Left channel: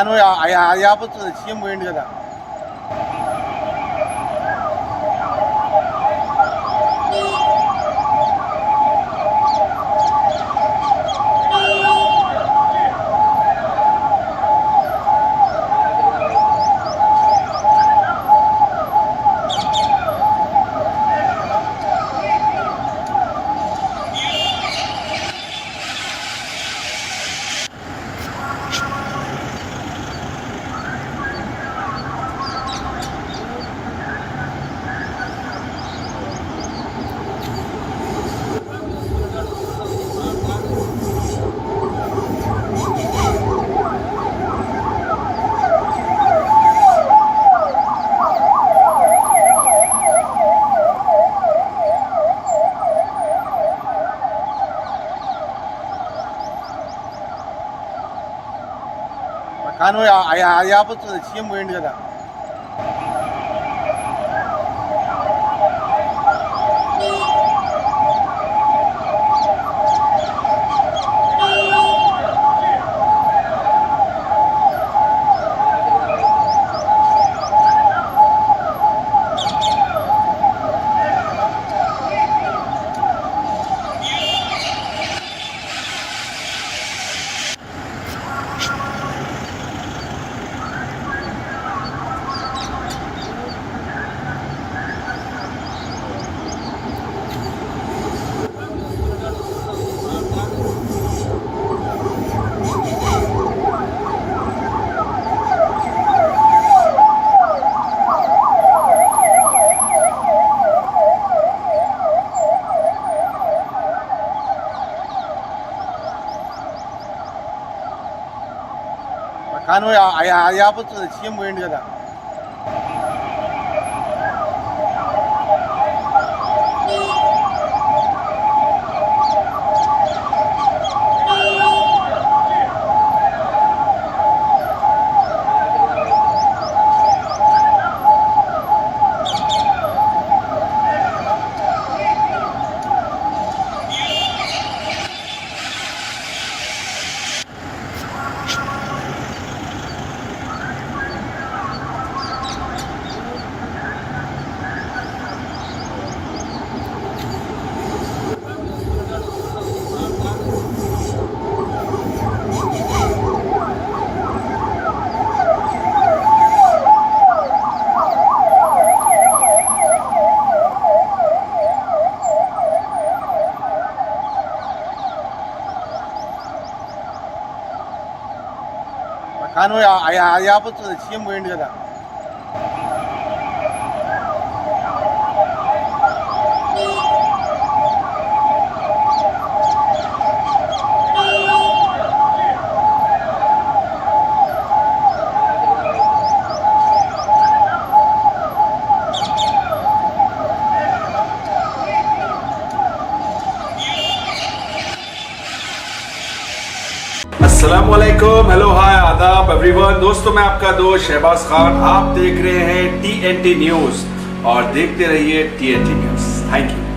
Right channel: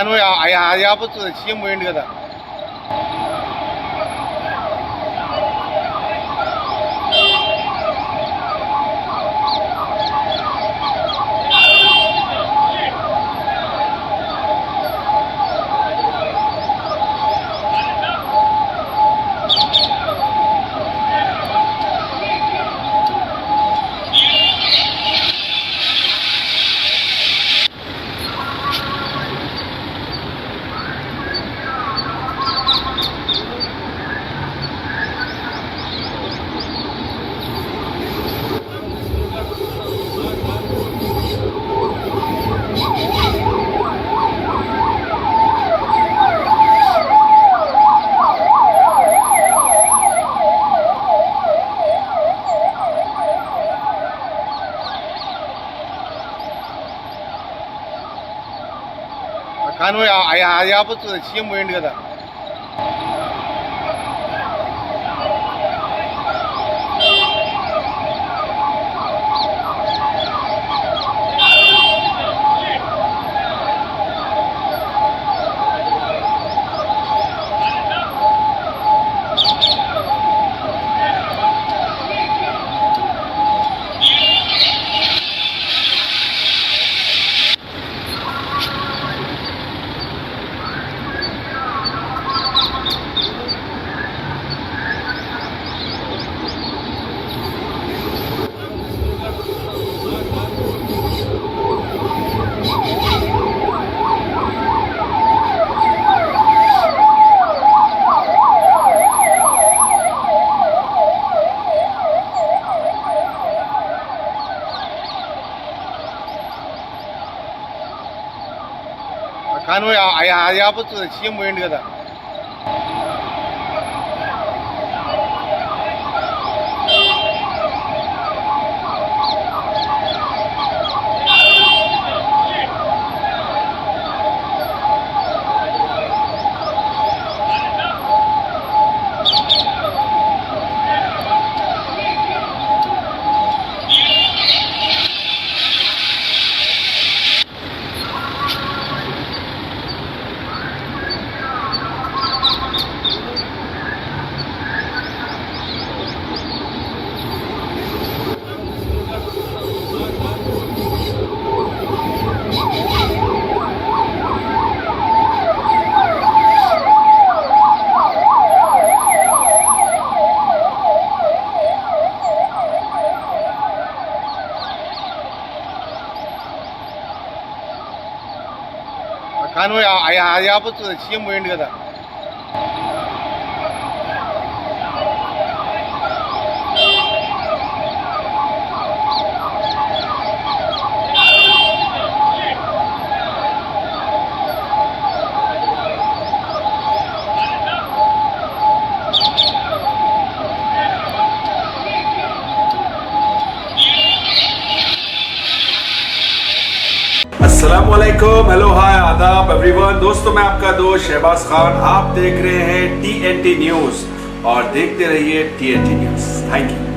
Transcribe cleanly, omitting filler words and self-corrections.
కానీ అది ఆపొచ్చు, సీఎం పోయింది కదా. కానీ అది ఆపొచ్చు, సీఎం పోయింది కదా. కానీ అది ఆపొచ్చు, సీఎం పోయింది కదా. కానీ అది ఆపొచ్చు, సీఎం పోయింది కదా. अस्सलामुअलैकुम, हेलो हाय आदाब एवरीवन। दोस्तों मैं आपका दोस्त शहबाज खान, आप देख रहे हैं TNT न्यूज और देखते रहिए TNT न्यूज। Thank you.